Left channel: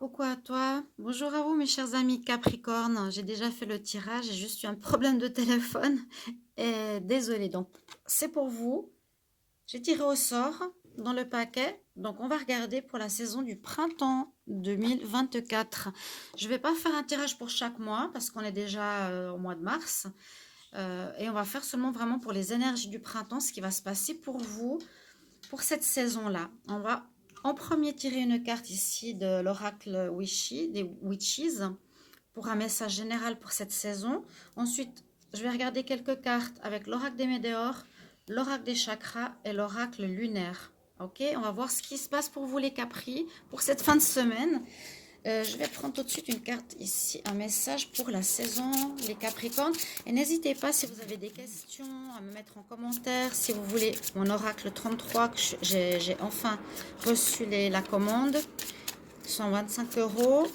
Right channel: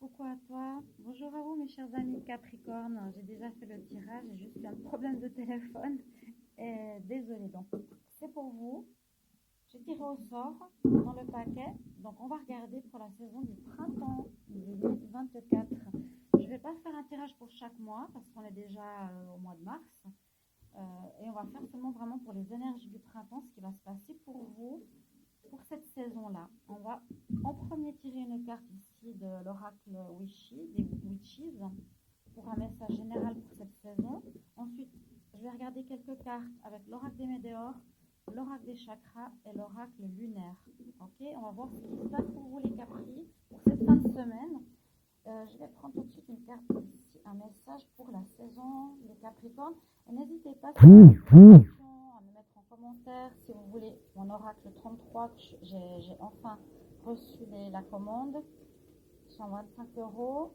Coucou à toi, bonjour à vous mes chers amis Capricorne, j'ai déjà fait le tirage, j'ai juste eu un problème de téléphone et désolé donc c'est pour vous, j'ai tiré au sort dans le paquet, donc on va regarder pour la saison du printemps 2024. Je vais pas faire un tirage pour chaque mois parce qu'on est déjà au mois de mars et on va faire seulement vraiment pour les énergies du printemps, ce qui va se passer pour vous pour cette saison-là. On va en premier tirer une carte ici de l'oracle des Witches pour un message général pour cette saison. Ensuite, je vais regarder quelques cartes avec l'oracle des météores, l'oracle des chakras et l'oracle lunaire. Ok, on va voir ce qui se passe pour vous les Capris pour cette fin de semaine. Je vais prendre tout de suite une carte ici, un message pour la saison, les Capricornes. Et n'hésitez pas si vous avez des questions à me mettre en commentaire. Si vous voulez mon oracle 33, que j'ai enfin reçu la commande, 125 euros.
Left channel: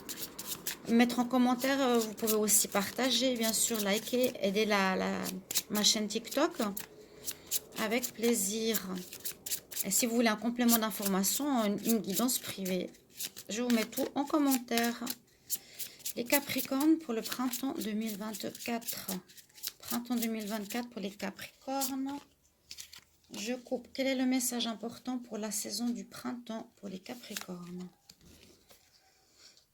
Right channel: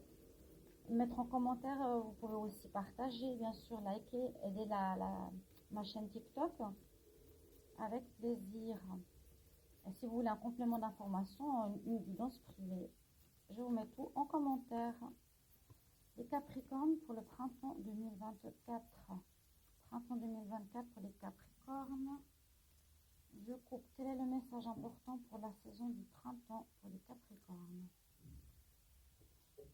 Mettre en commentaire, vous pouvez aussi partager, bien sûr, liker, aider ma chaîne TikTok avec plaisir. Et si vous voulez un complément d'information, une guidance privée, je vous mets tout en commentaire. Les Capricornes pour le printemps 2024. Printemps 2024 pour les Capricornes. Je coupe. Quel est le message important pour la saison du printemps pour les Capricornes?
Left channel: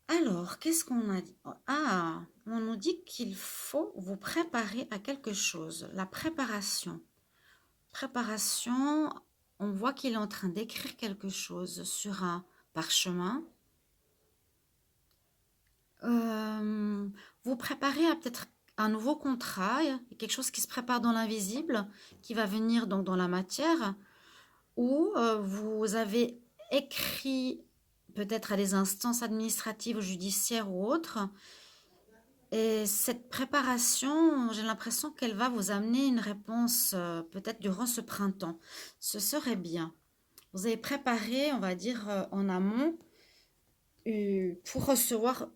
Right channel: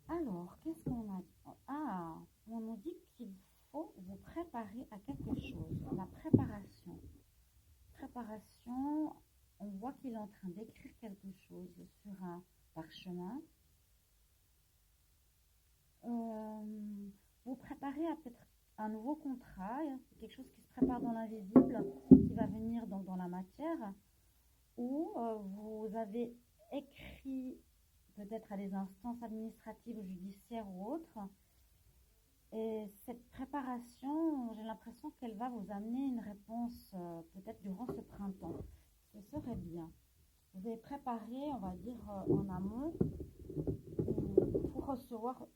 Alors, qu'est-ce qu'on a dit? Ah, on nous dit qu'il faut vous préparer à quelque chose. La préparation. Préparation, on voit qu'il est en train d'écrire quelque chose sur un parchemin. Vous préparez à peut-être un nouveau contrat, quelque chose qui se prépare dans l'invisible, qui va venir donc dans la matière, ou vous avez écrit peut-être à des instances administratives ou judiciaires ou autres, et cette préparation, j'ai l'impression qu'elle va vous amener une réponse peut-être durant ce printemps. Ce serait bien. Vous avez préparé, on va dire, en amont pour recevoir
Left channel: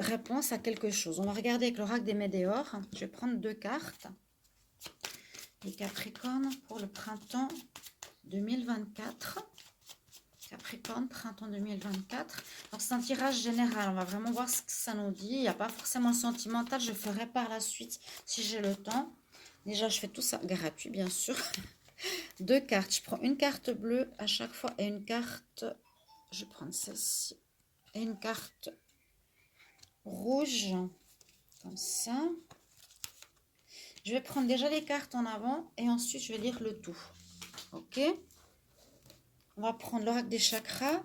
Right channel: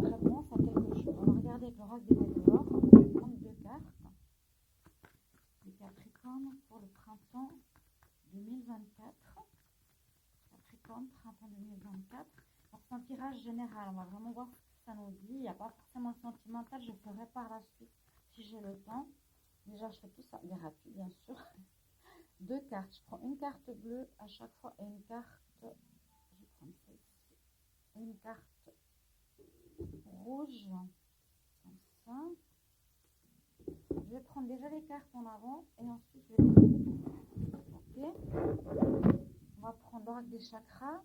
réponse à quelque chose. On va regarder avec l'oracle des météores. Je vais prendre deux cartes. Les Capricornes pour le printemps 2024. Capricorne, printemps 2024. Donc c'est un tirage général. On va vraiment voir ce que ça nous dit. Il n'y a pas forcément sentimental. Je ferai par la suite si j'ai le temps. Déjà, je fais tout ça gratuit, bien sûr. Deux cartes. Je prends une carte bleue à chaque fois et une carte... Je vais prendre celle-ci. Et une carte rouge. Comme ça. Je vais prendre déjà les cartes en avant et ensuite je vais lire le tout. Ok. On va prendre l'oracle des chakras,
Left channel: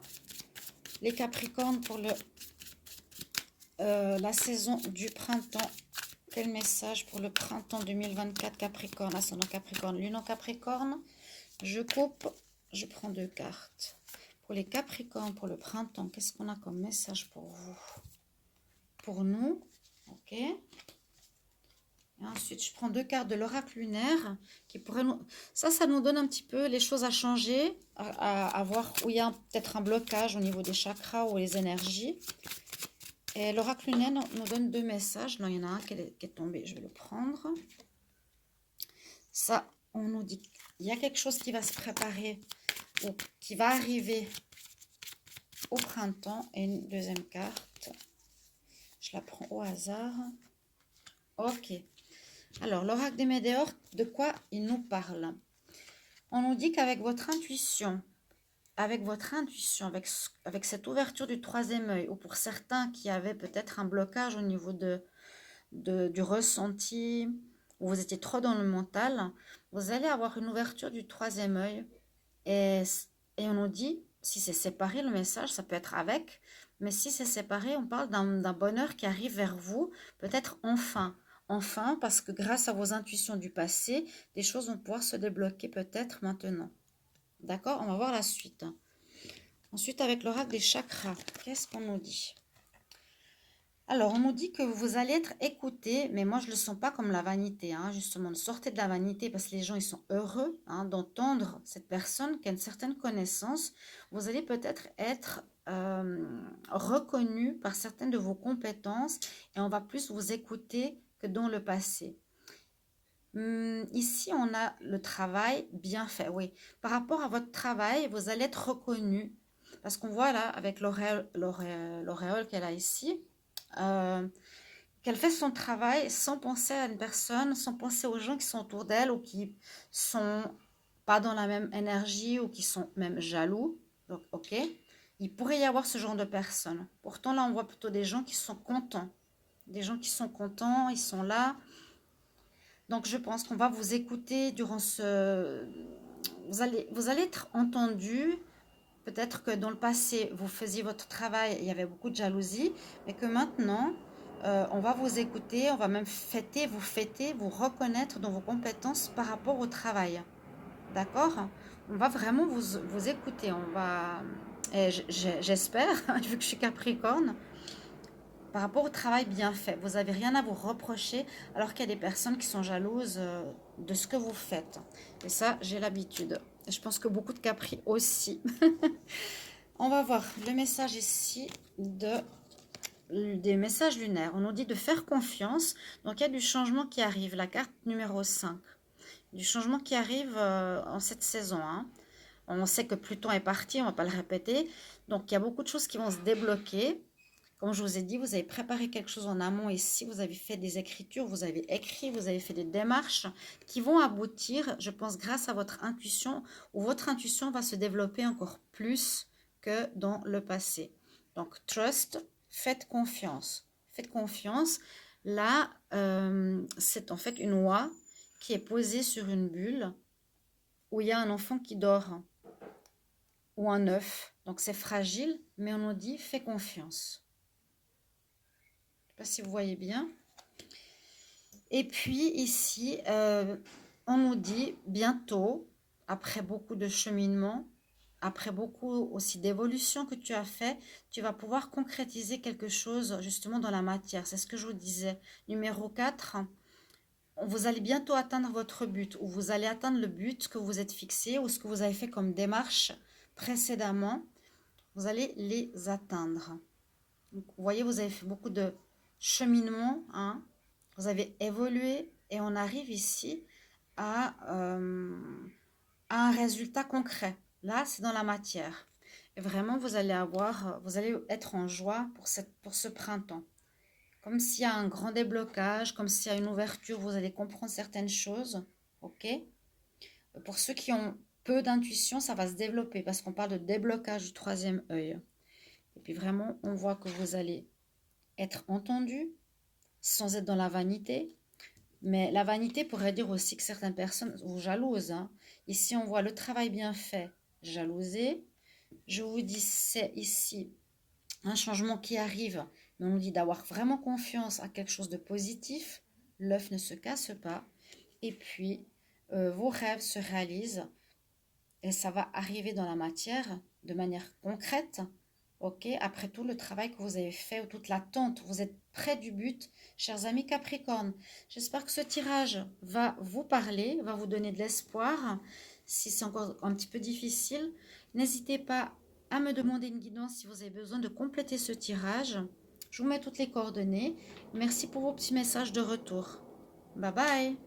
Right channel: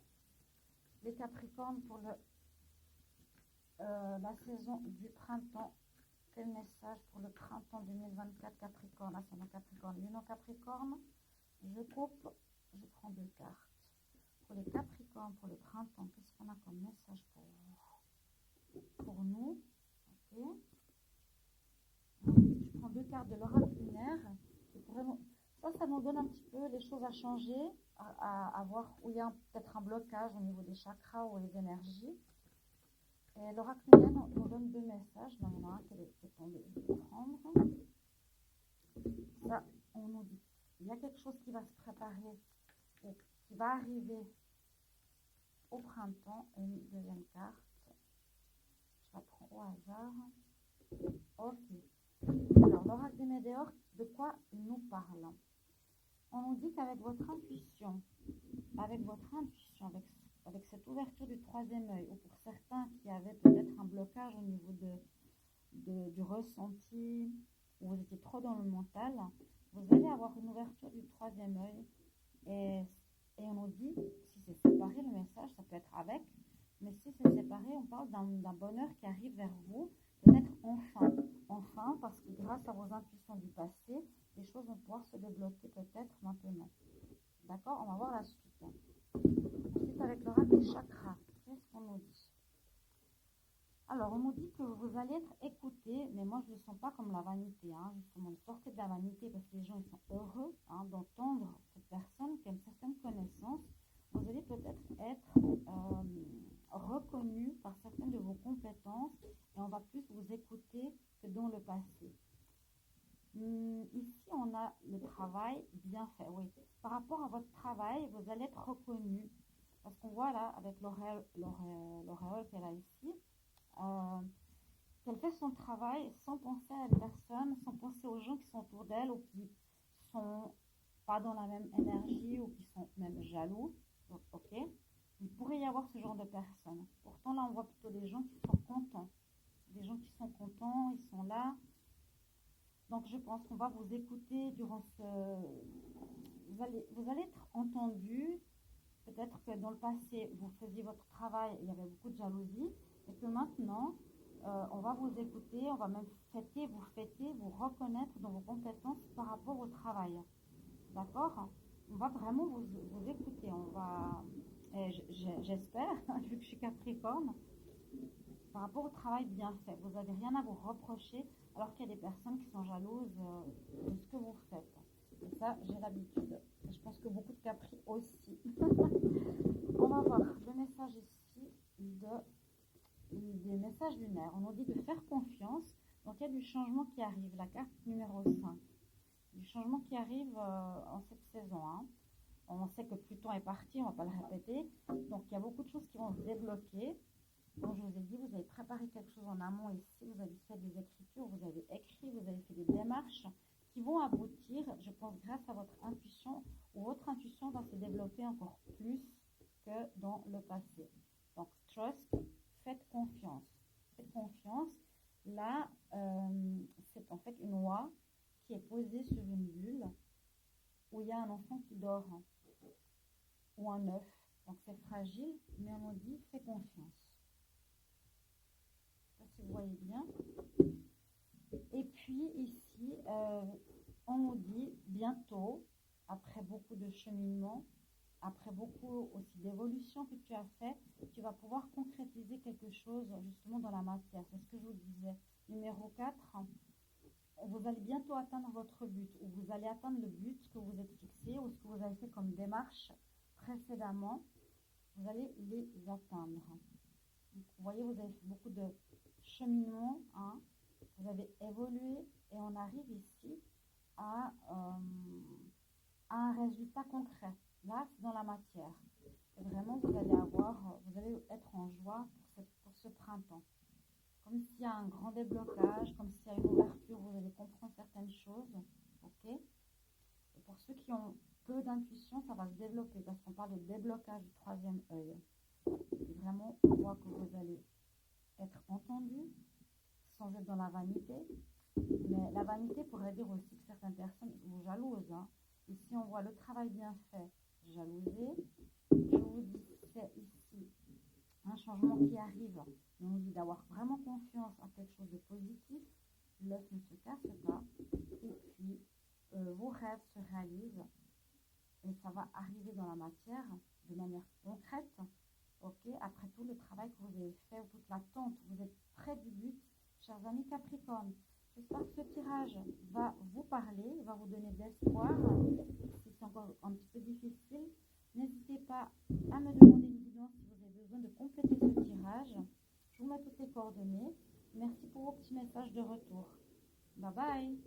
les Capricornes pour la saison du printemps. Quel message pour le printemps 2024 Capricorne, ascendant Capricorne, lune en Capricorne. Je coupe, je prends deux cartes. Pour les Capricornes, pour le printemps, qu'est-ce qu'on a comme message pour vous? Pour nous, ok. Et ensuite, je prends deux cartes de l'oracle lunaire qui pourraient nous... Ça nous donne un petit peu les choses à changer, à voir où il y a peut-être un blocage au niveau des chakras ou les énergies. Et l'oracle lunaire nous donne deux messages. Là, il y en a un qui est tombé, je vais le prendre. Ça, on nous dit qu'il y a quelque chose qui va se préparer ou qui va arriver au printemps. Et une deuxième carte, je la prends au hasard. Ok. Alors, l'oracle des météores, de quoi il nous parle? On nous dit qu'avec votre intuition, avec cette ouverture du troisième œil, ou pour certains qui avaient peut-être un blocage au niveau du ressenti, où vous étiez trop dans le mental, vous allez avoir une ouverture du troisième œil. Et, et on nous dit, si c'est séparé, le message, ça peut être avec, mais si c'est séparé, on parle d'un bonheur qui arrive vers vous, peut-être enfin. Enfin, parce que grâce à vos intuitions du passé, des choses vont pouvoir se débloquer peut-être maintenant. D'accord? On va voir la suite. Ensuite, avec l'oracle des chakras, qu'est-ce qu'on nous dit? Alors, on nous dit que vous allez être écouté, mais moi, je ne le sens pas comme la vanité, hein, justement. Sortez de la vanité parce que les gens, ils sont heureux d'entendre cette personne qui a une certaine connaissance. Vous allez peut-être être reconnu par certaines de vos compétences et on va plus vous écouter que dans le passé. Ici, on a le travail bien fait, oui. Par rapport à votre travail, vous allez être reconnu Parce qu'on voit là, avec l'auréole qu'elle a ici, euh, qu'elle fait son travail sans penser à une personne, sans penser aux gens qui sont autour d'elle ou qui sont pas dans la même énergie ou qui sont même jaloux. Donc, ok, il pourrait y avoir ce genre de personnes. Pourtant, là, on voit plutôt des gens qui sont contents. Des gens qui sont contents, ils sont là. Donc, je pense qu'on va vous écouter durant ce... Vous allez être entendu. Peut-être que dans le passé, vous faisiez votre travail, il y avait beaucoup de jalousie, mais que maintenant, on va vous écouter, on va même fêter, vous reconnaître dans vos compétences par rapport au travail. D'accord? On va vraiment vous écouter. On va, et j'espère, vu que je suis Capricorne, par rapport au travail bien fait. Vous n'avez rien à vous reprocher, alors qu'il y a des personnes qui sont jalouses de ce que vous faites. Et ça, j'ai l'habitude. Et je pense que beaucoup de Capri aussi. On va voir le message ici des messages lunaires. On nous dit de faire confiance. Donc, il y a du changement qui arrive. La carte numéro 5. Du changement qui arrive en cette saison. Hein. On sait que Pluton est parti, on ne va pas le répéter. Donc, il y a beaucoup de choses qui vont se débloquer. Comme je vous ai dit, vous avez préparé quelque chose en amont ici. Vous avez fait des écritures, vous avez écrit, vous avez fait des démarches qui vont aboutir, je pense, grâce à votre intuition, où votre intuition va se développer encore plus que dans le passé. Donc, trust, faites confiance. Faites confiance. Là, c'est en fait une oie qui est posée sur une bulle où il y a un enfant qui dort ou un œuf. Donc, c'est fragile, mais on nous dit, fais confiance. Je ne sais pas si vous voyez bien. Et puis ici, on nous dit bientôt, après beaucoup de cheminement, après beaucoup aussi d'évolution que tu as fait, tu vas pouvoir concrétiser quelque chose justement dans la matière. C'est ce que je vous disais. Numéro 4, vous allez bientôt atteindre votre but, ou vous allez atteindre le but que vous êtes fixé, ou ce que vous avez fait comme démarche précédemment. Vous allez les atteindre. Donc, vous voyez, vous avez fait beaucoup de cheminement, hein. Vous avez évolué et on arrive ici à un résultat concret. Là, c'est dans la matière. Et vraiment, vous allez être en joie pour ce printemps. Comme s'il y a un grand déblocage, comme s'il y a une ouverture, vous allez comprendre certaines choses. Ok? Pour ceux qui ont peu d'intuition, ça va se développer parce qu'on parle de déblocage du troisième œil. Et puis vraiment, on voit que vous allez être entendu sans être dans la vanité. Mais la vanité pourrait dire aussi que certaines personnes vous jalousent. Hein. Ici, on voit le travail bien fait, jalousé. Je vous dis, c'est ici un changement qui arrive. Mais on nous dit d'avoir vraiment confiance à quelque chose de positif. L'œuf ne se casse pas. Et puis, vos rêves se réalisent. Et ça va arriver dans la matière de manière concrète. Ok, après tout le travail que vous avez fait ou toute l'attente, vous êtes près du but, chers amis Capricorne. J'espère que ce tirage va vous parler, va vous donner de l'espoir. Si c'est encore un petit peu difficile, n'hésitez pas à me demander une guidance si vous avez besoin de compléter ce tirage. Je vous mets toutes les coordonnées. Merci pour vos petits messages de retour. Bye bye.